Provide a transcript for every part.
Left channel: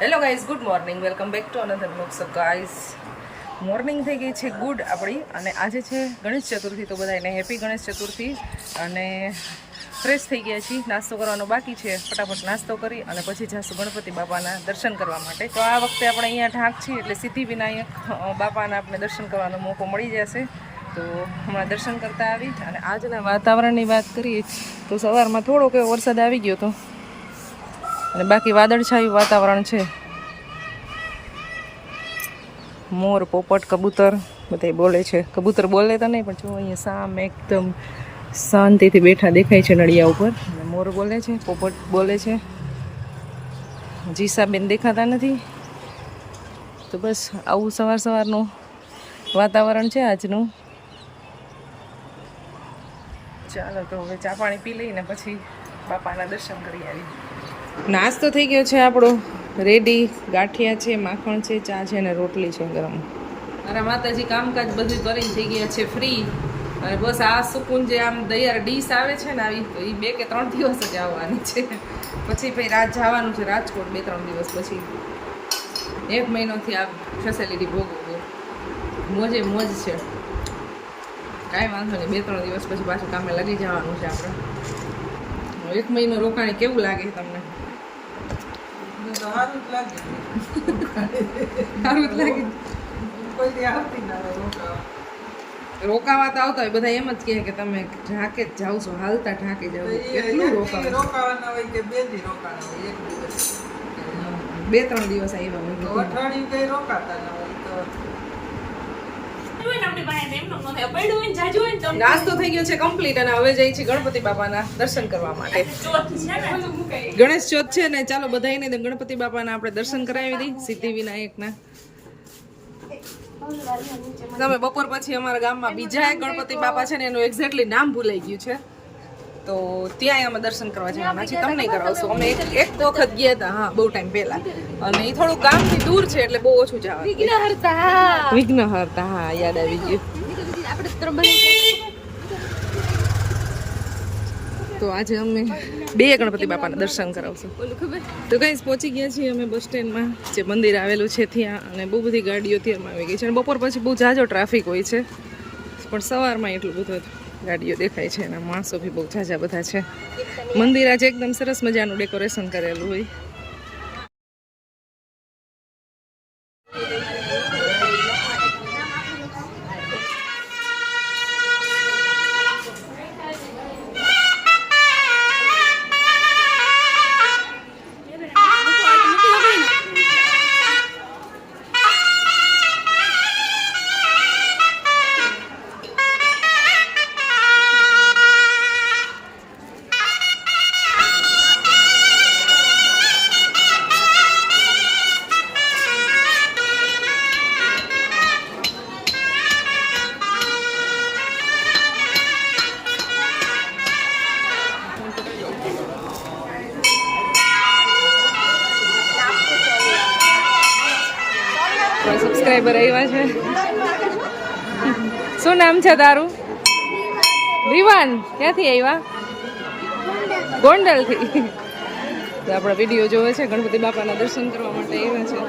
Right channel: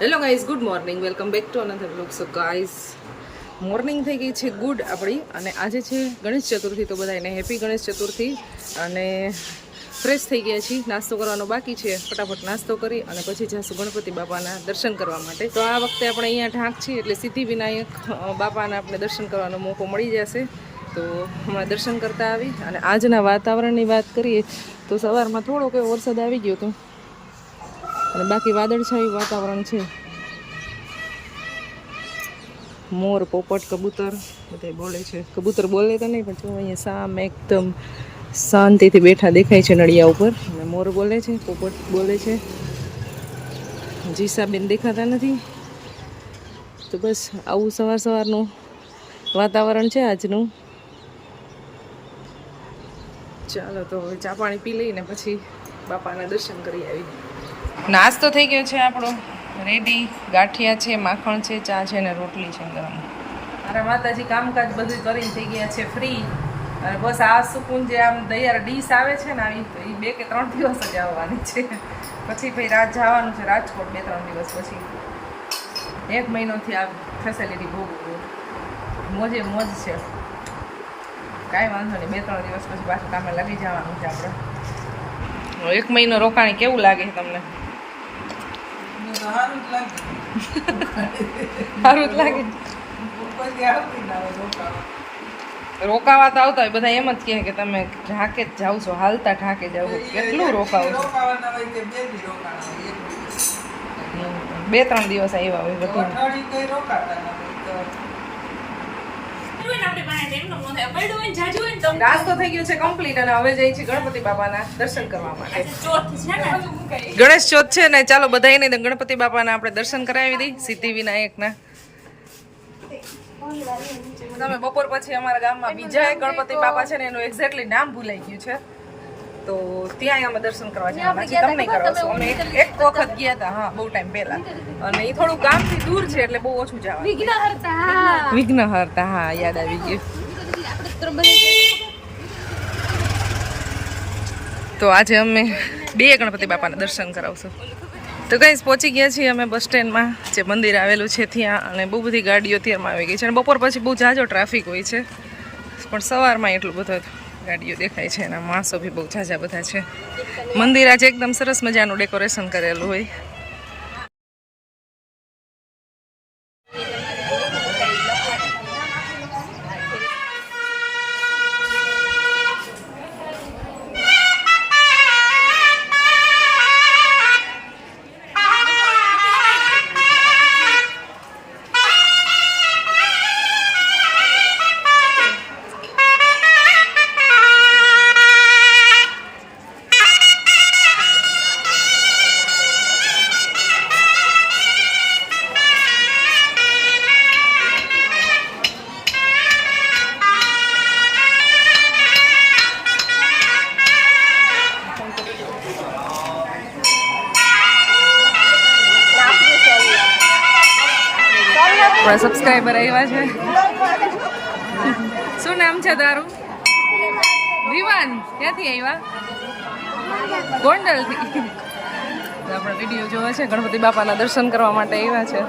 Hello guys, good morning. Welcome back to another vlog. So guys, morning થઈ ગઈ છે good આપણી, અને આજે છે ગણેશ ચતુર્થી. તો બધાને હેપી ગણેશ ચતુર્થી. અને ફ્રેશ થઈ ગયા છીએ, નાસ્તો કરવાનો બાકી છે. ફટાફટ નાસ્તો કરી અને પછી જઈશું ગણપતિ બાપાના દર્શન કરવા માટે. તો આ વખતે આપણે અહીંયા ઢાંક છીએ એટલે સિદ્ધિ વિનાયક બાપાના આપણે દર્શન કરવાનો મોકો મળી જશે. તો હમણાં દર્શન કરતા આવી. અને આજના વાતાવરણની વાત કરીએ તો સવારમાં થોડોક એવો વરસાદ આવી ગયો હતો, અને બાકી વાદળછાયું વાતાવરણ છે. મોર, પોપટ, કબૂતર બધા બોલે છે. કબૂતર બોલે તો નહીં, પણ જો અહીંયા સામે એકદમ શાંતિથી બેઠા દેખાય છે નળિયા ઉપર. અને મોર બોલે છે, પોપટ બોલે છે. જીસાબેન દેખાતા નથી. તો બસ આવું સવારનું વાતાવરણ છે આજનું. ચાલો તો હવે ચા પાણી પી લઈને પછી બાપાના દર્શન કરી આવી. નાસ્તો થઈ ગયો છે આપણો રેડી. ગાંઠિયા છે, માખણ છે, ચા છે ને રોટલી છે ગરમ. મારા માતાજી કામકાજ બધું કરીને થઈ ગયા છે ફ્રી. અને બસ આ સુકૂન જે આમ તૈયાર ડીશ આવે છે ને આવી, તો એ 2 કે 3 દિવસ જ આવવાની છે. પછી ભાઈ રાત જવાનું છે રાજકોટ 2-3 દિવસ પછી. 1 મહિનોથી આ ફેસિલિટી ભોગવું, મોજે મોજ છે. કાંઈ વાંધો નહીં, 2-3 દિવસ પછી પાછું કામે લાગી જવાનું છે આપણે. 1 મહિનો રોકાણી કેવું લાગે તમને? સારું જ લાગે. રોકાવા તો આવતા હોય બધા એમ જ કહે કે તમે ઢાકે જ જાવ છો, હાલતા ઢાકે જાવ. કેટલું રોકાવું? 2-3 દિવસ આવ્યા હોય બધું. નાસ્તો થઈ ગયો છે કમ્પ્લીટ, અને હવે જઈ છે ગણપતિ બાપાના દર્શન કરવા માટે. ગણેશ ચોથ છે ને, ચાલો બધાને ગણપતિ બાપાના આપણે દર્શન કરાવી દઈ, સિદ્ધિ વિનાયકના. તમે બપોર પછી અમારા ગામમાં બીજા એક ગણપતિ બાપા છે ને, એનું એક્ઝેક્ટલી નામ ભૂલાઈ ગયું છે, તો ત્યાં અમે દર્શન કરવા જવાના છીએ. તમને કરાવશું. અમે એક વખત ગયા હતા, હા, બહુ ટાઈમ પહેલા, અને એ થોડું ગામથી દૂર છે એટલે બહુ ઓછું જવાનું. વિઘ્નહર્તા, હા, યાદ આવી ગયું. તો આજે અમે 2 ગણપતિ બાપાના દર્શન કરાવશું. તો ગાઈસ, પહોંચી ગયા છીએ અમે બસ સ્ટેન્ડમાં, જે મંદિર આવેલું છે ત્યાં. અને બહુ બધી ગાડીઓ ત્યારમાં આવી ગઈ છે. અને બપોર પછી બહુ ઝાઝો ટ્રાફિક હોય છે, પણ સવારમાં એટલું બધું ગાડીઓ દેખાય છે. અને માણસો બી બહુ ઝાઝા બધા છે. મંદિર આજે એકદમ સરસ મજાનું ડેકોરેશન કરેલું હોય. સબસ્ક્રાઈબર આવ્યા છે. શું નામ છે તારું? વિવાન. ક્યાંથી આવ્યા? ગોંડલથી. તો આપણા વિડીયો જોવે છે, ગણપતિ બાપાના દર્શન કરવા માટે આવ્યા છે.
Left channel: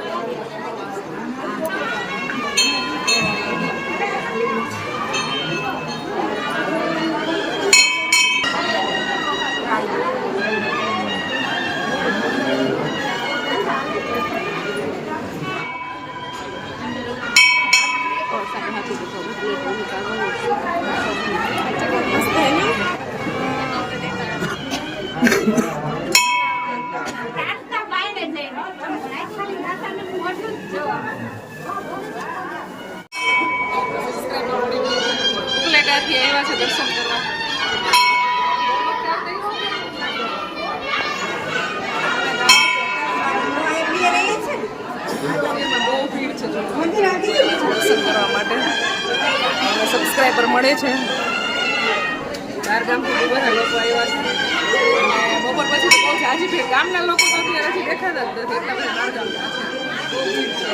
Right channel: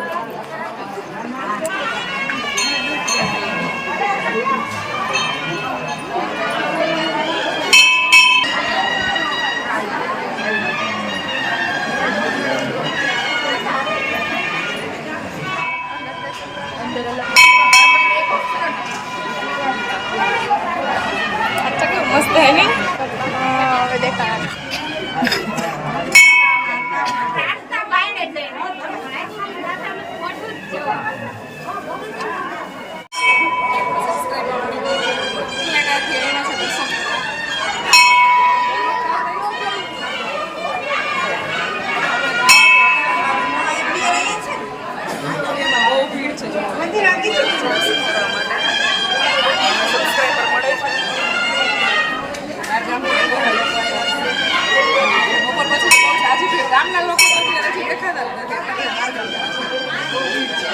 મસ્ત હે નહીં? ઉપલેટાથી આવ્યા છે દર્શન કરવા. બહુ ભીડ છે, જો સબસ્ક્રાઈબર મળે છે. બહાર ગામથી બધા લોકો આવ્યા છે. બપોર પછી તો બહુ જાજી ભીડ. ગામના લોકો તો અત્યારેથી દેખાતા જ નથી, એટલા બધા બહાર ગામના છે. બહુ ભીડ છે.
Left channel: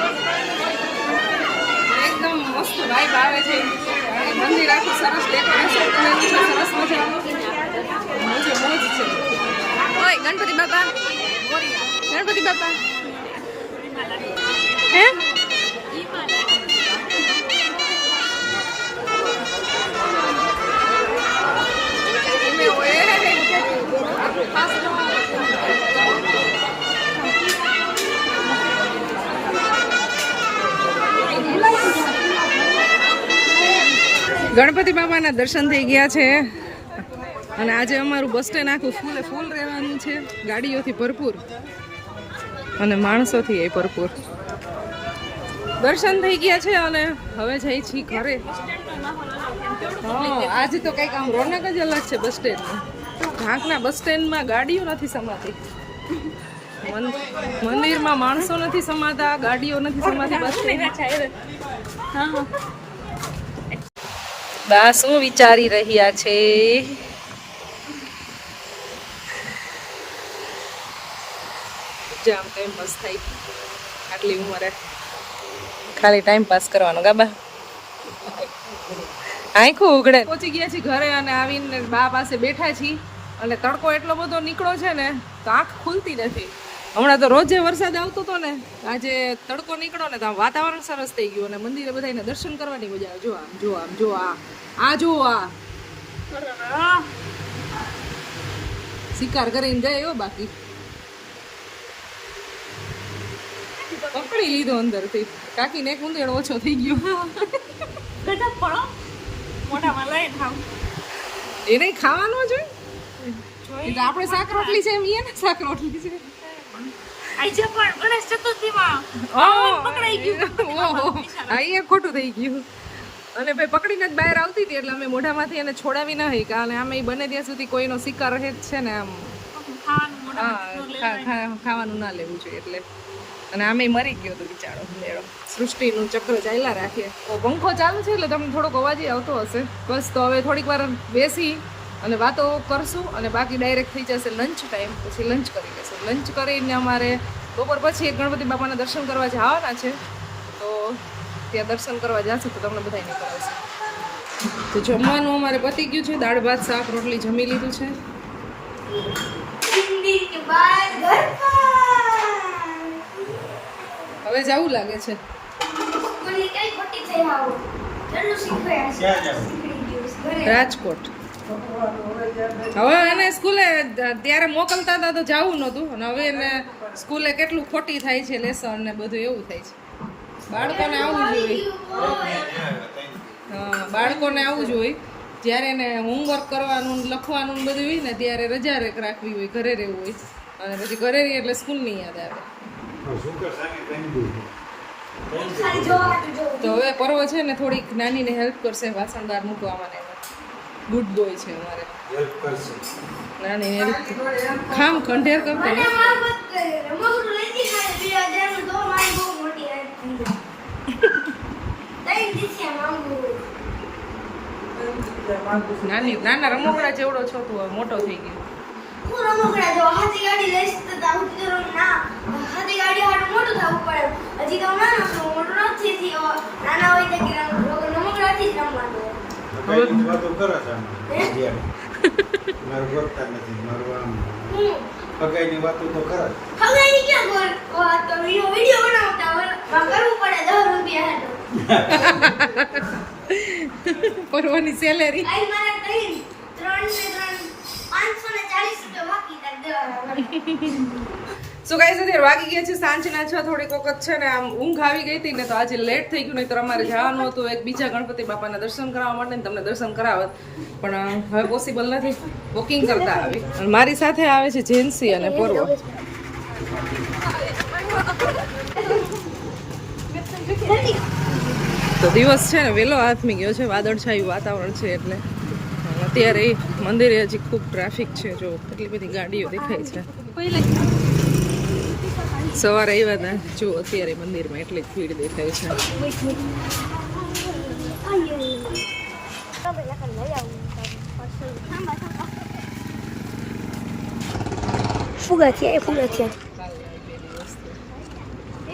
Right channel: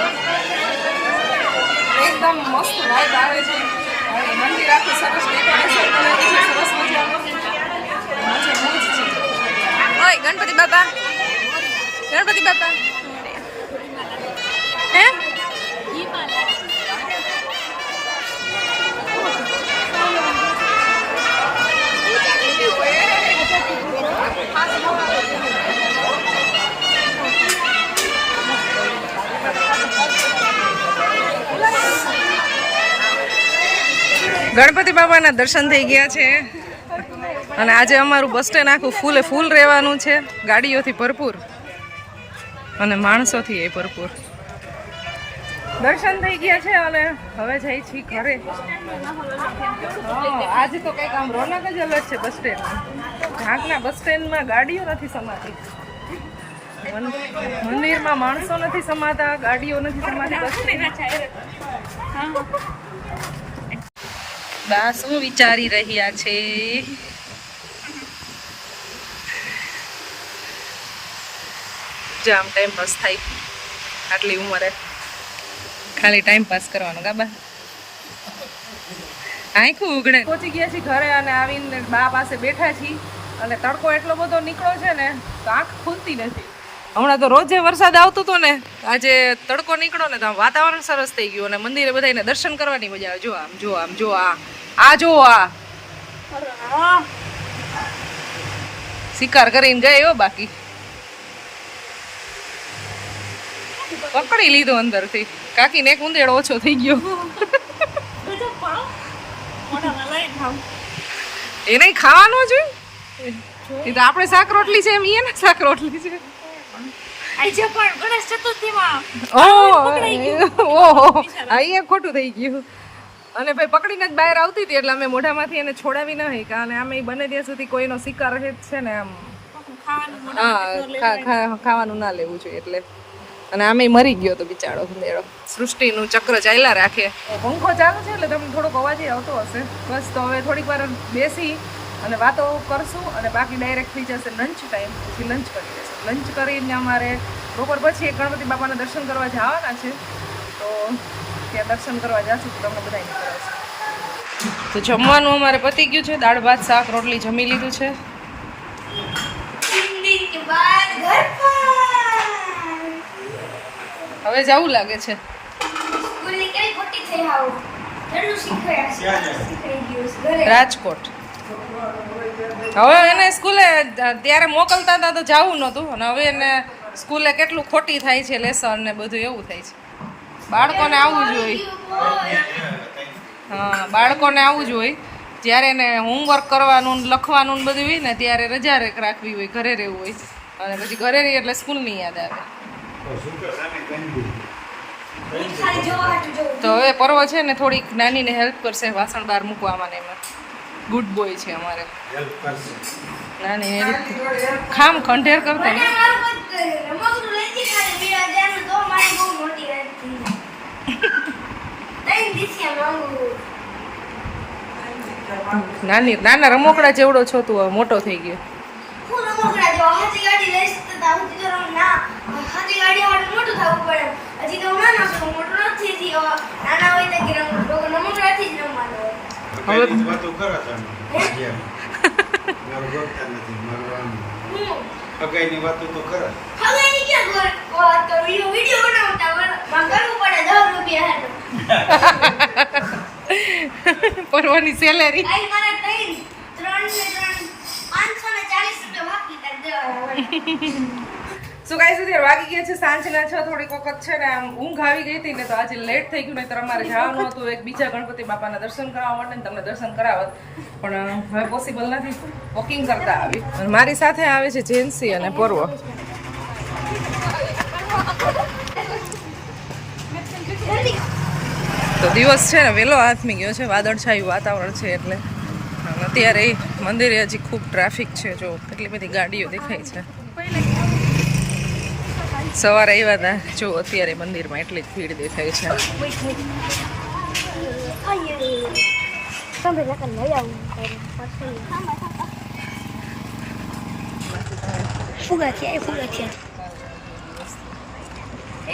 એકદમ મસ્ત વાઇબ આવે છે. મંદિર આખું સરસ ડેકોરેશન કરેલું છે, સરસ મજાનું. મોજ છે. ઓય ગણપતિ બાપા, ગણપતિ બાપા. હે ગણપતિ બાપાના દર્શન થઈ ગયા છે અને આજે અમારું બસ સ્ટેન્ડ આખું ફૂલ રહેવાનું છે, ગાડીઓથી ભરપૂર અને માણસોથી એ ભરપૂર. દર્શન થઈ ગયા છે અને હવે જઈ છીએ ઘરે. હા, આજે તો કંઈક આમ રોનક જ અલગ છે બસ સ્ટેન્ડની. ઢાંકના બસ સ્ટેન્ડમાં ગાડીઓ નથી સમાતી, મંદિરમાં માણસો નથી સમાતા, ગાડીઓ નથી સમાતી બસ સ્ટેન્ડ. દા શું વિચારી રહ્યા છે? જામ ટાઈમ પાસ થાય આટલી ઉંમરે, ખાલી ટાઈમ પાસ કરવાનો ગાબા. આંખું ઉઘડે. પહોંચી ગયા છીએ ઘરે અને આવીને બા પાસે બેઠા છીએ અને તડકો એટલો બધો નીકળ્યો છે ને તો આંખ ખુલતી નથી. હમણાં તો રોજે વરસાદ આવતો હતો ને, આજે તડકો નીકળ્યો ને તો વાતાવરણ સરસ થઈ ગયું અને મંદિરે બધાને દર્શન કરવાની મજા આવે. જો આમ જો આમ જો જો આ શિકાર કરીને ગયો બાકી પકડી લીધો અંદરથી. કાકીને એક ઉંદેડો ઓછો થઈ ગયો. એને ખાવાનું છે, એ તો આપણે શાક રોટલી છે એમ એને શાક રોટલી છે. ખોટું થઈ ગયું. અને ભાઈ પકડીને જ બહાર આવતી હતી એટલે અમે મોઢામાંથી એને છોડાવી ન હઈ, કારણ અમે બને ત્યાં સુધી કોઈનો શિકાર રહે જ છે ને આમ. હા, ખાવાનું ના લેવું જોઈએ એટલે. અને આમે મરી ગયો તો બિચારો મેળો. સૃષ્ટિનું ચક્ર ચાલ્યા રાખે. પંખો ચાલુ છે એટલે તમને થોડોક અવાજ આવતો હશે. બસ તો હવે થોડીક વાર બેસી અને વાતો કરશું અને બાકી ડાયરેક્ટ થઈ જશે લંચ ટાઈમ. પછી લંચ કરી લેશું. લંચ કરીને અમારે બપોર પછી એક ગણપતિ બાપાના દર્શન કરવા જવાના છે, તો ત્યાં દર્શન કરવા જશું તો તમને બધાને કરાવશું. તો જમવાનું અમારે પતી ગયું છે, દાળ ભાત શાક રોટલી જમી લીધું છે. હવે જવું લાગે છે રાજકોટ. હવે એને સ્કૂલે ત્યારે મોકલતા હતા તો જવું નહોતું અને હવે એને સ્કૂલે કેટલું ખોટી થાય છે લેસન ને બધું એવું થાય છે. બાળકોને આવવું જોઈએ. હા, બાળકોને આવવું જોઈએ. જ્યારે એને હોમવર્ક કરવાનું લખવાનું ને બધું હોય ને ત્યારે રજા રાખવી હોય, ઘરે રહેવું હોય અને પછી ઘરે રહી એટલે સ્કૂલની યાદ આવે. તો હવે પર્વ છે ને થોડીક નાનીને હેલ્પ કરશે વાસણ બહાર મૂકવામાં ને એમાં. ગુડ બોય છે અમારે. નાની હેલ્પ ખામ ખંડેર કરતો ને. નાના રમકડા જેવડો છો તું, હવે મોટો થઈ ગયો. પરવાની સેલેરી સો ગાઈસ અત્યારે વાગી ગયા છે સાંજના 6. થોડીક વખત છે ને આમ ઊંઘ આવી ગઈ હતી ને તો આજે લેટ થઈ ગયું. નહીં તો અમારે જવાનું હતું એક બીજા ગણપતિ બાપાના દર્શન કરવા માટે ને તમને દર્શન કરાવત, પણ હવે પોસિબલ નથી. વોકિંગ કરતા આવી અને મારી સાથે આવે છે જેન્સી અને પર્વ. તો દિવસ છે ને વહેલો હાથમી ગયો છે, વાદળછાયું વાતાવરણ છે એટલે. અત્યારે મંદિરે હજી ખૂબ ટ્રાફિક છે, જો કેટલી બધી ગાડીઓ દેખાય છે. સવારે આવ્યા હતા, જો અત્યારે મંદિરમાં એટલી જ ભીડ દેખાય છે.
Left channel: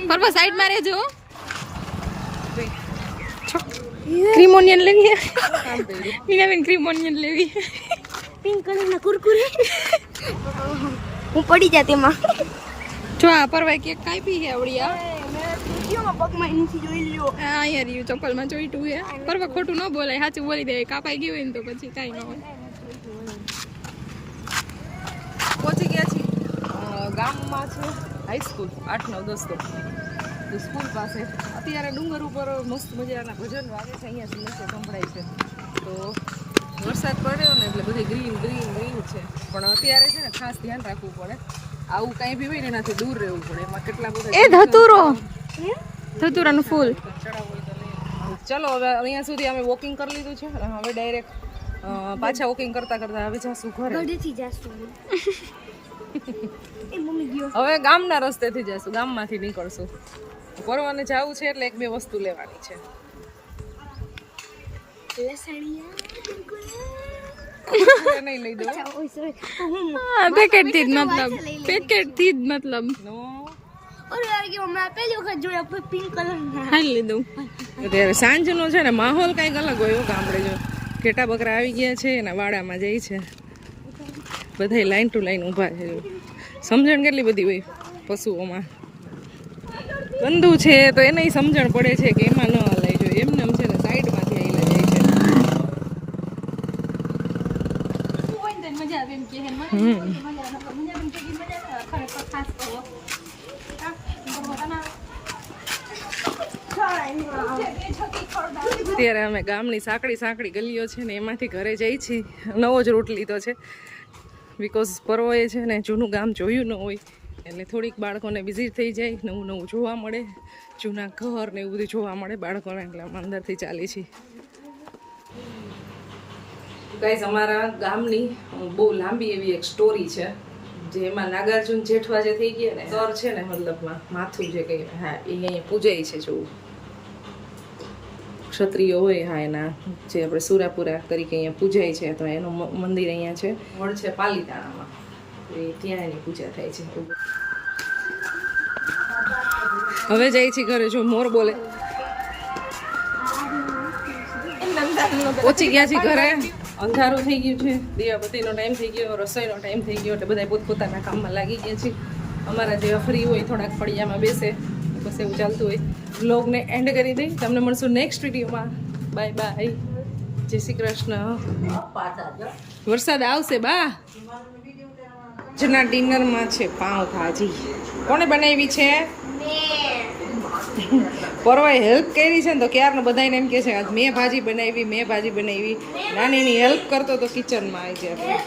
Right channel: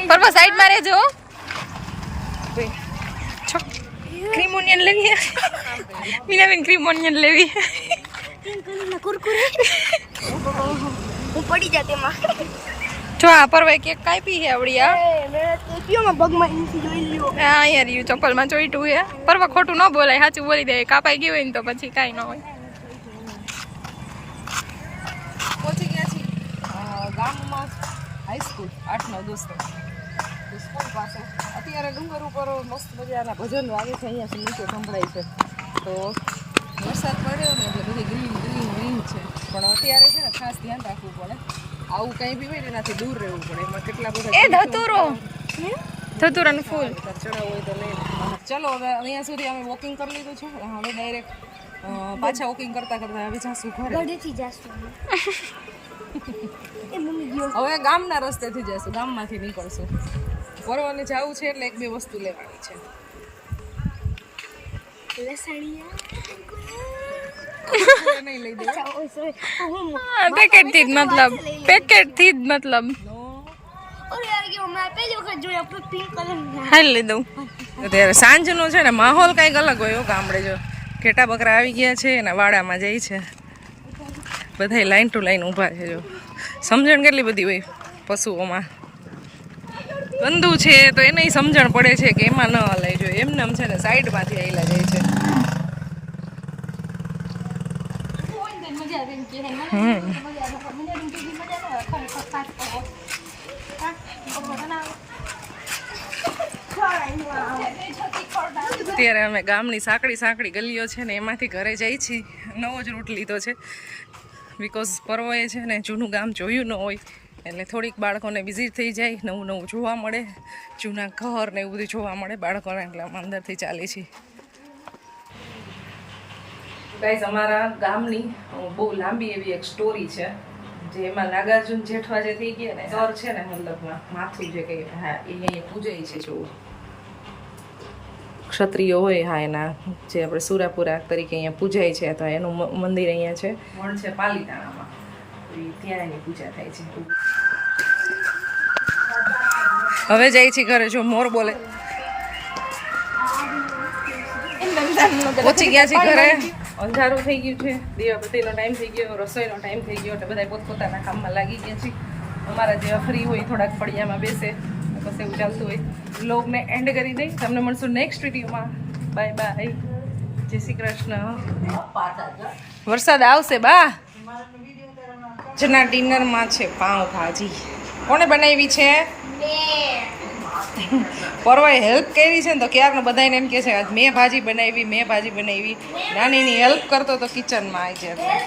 પર્વ સાઈડમાં રહેજો. ક્રીમ ઓનિયન લેવી મીનાબેન, ક્રીમ ઓનિયન લેવી. પિંક કલરના કુરકુરે હું પડી જાતી એમાં. જો આ પરવાય કેક કાપી હે આવડિયા પગમાં ઇન્ચી જોઈ લ્યો. અહીંયા રહ્યું ચપ્પલમાં ચોઈટું હે પરવા ખોટું ન બોલાય સાચું બોલી દે કાપાઈ ગયું હોય ને તો પછી કાંઈ ન હોય. પહોંચી ગયા છીએ ગામમાં છે હાઈસ્કૂલ 8-9 દોસ્તો તો સ્કૂલ પાસે અત્યારે ડુંગર ઉપર મસ્ત મજાના ભજનો આવે છે. અહીંયા સમસ્યા સંભળાય છે તો વરસાદ પડ્યો ને એટલે બધી ગ્રીન ગ્રીન ગ્રીન છે પણ અત્યારે છે ને ખાસ ધ્યાન રાખવું પડે. આવું કંઈ બી હોય ને એનાથી દૂર રહેવું પડે. એમાં કેટલા બધા ધતુરાનું ફૂલ ચડાવવું હોય તો નહીં. ચલો હવે અહીંયા સુધી અમે વોકિંગ કરી લીધું છે હવે ડાયરેક્ટ પાછા વોકિંગ કરતા કરતા હવે જાશું ઘરે. ગઢેથી જાશું એ મમ્મી ગયો. હવે ગામના રસ્તેથી જઈશું ગામમાંથી નીકળશું. પરવાને જવું છે એટલે 1-2 વસ્તુ લેવાની છે. નહીં લઈ દઉં પેકેટ થી જ મતલબ હાલ લઈ દઉં. અત્યારે સાંજનો છે ને માહોલ કંઈક અલગ હોય ગામડે. જો ઘેટા બકરા આવી ગયા છે એના વાડામાં જાય છે બધા લાઈન ટુ લાઈન ઊભા છે. જો સમજણ કેટલી બધી હોય પશુઓમાં. ગંદુ છે તો એને સમજણ પડે છે કે એમાં ન હલાઈ જોઈએ એમને આમ છે ને સાઈડમાંથી આવેલા જાય છે. અત્યારે અમે ગામની સાંકડી ગલીઓ છે ને એમાંથી ઘરે જઈ છીએ. નવો જ રૂટ લીધો છે બિકોઝ પર્વએ છે ને જૂનું ગામ જોયું ન હોય એટલે થોડીક બાળકોને વિઝિટ થઈ જાય, નવું જોવા મળે, જૂના ઘર ને એવું બધું જોવા મળે બાળકોને. એટલે અમે અંદરથી ચાલી છીએ. ગાઈઝ અમારા ગામની બહુ લાંબી એવી એક સ્ટોરી છે જે એમાં નાગાર્જુન જેઠવા જે થઈ ગયા ને સર છે ને મતલબમાં માથું જે કંઈ હા એ અહીંયા પૂજાય છે. જોવું ક્ષત્રિયો હોય હા એના જે આપણે સુરાપુરા તરીકે અહીંયા પૂજાય છે તો એનું મંદિર અહીંયા છે વડ છે પાલીતાણામાં ત્યાં એની પૂજા થાય છે. હવે જાય છે ઘરે. જો મોર બોલે પહોંચી ગયા છે ઘરે. અંધારું થઈ ગયું છે, દીવાબત્તીનો ટાઈમ થઈ ગયો, રસોઈનો ટાઈમ થઈ ગયો એટલે બધા પોતપોતાના કામમાં લાગી ગયા છે. અમારા જેવા ફ્રી હોય થોડાક ફળિયામાં બેસે બસ એવું ચાલતું હોય. વ્લોગને એન્ડ કરી દઈ. તમને મળશું નેક્સ્ટ વિડીયોમાં. બાય બાય, જય શ્રી કૃષ્ણ. વરસાદ આવશે બા. આજના ડિનરમાં છે પાઉંભાજી. કોને બનાવી છે? પરવાએ હેલ્પ કરી છે ને તો ક્યારનો બધાને એમ કહે છે આજ મેં ભાજી બનાવી. નાનીની હેલ્પ કરતો તો કિચનમાં આવી જાય.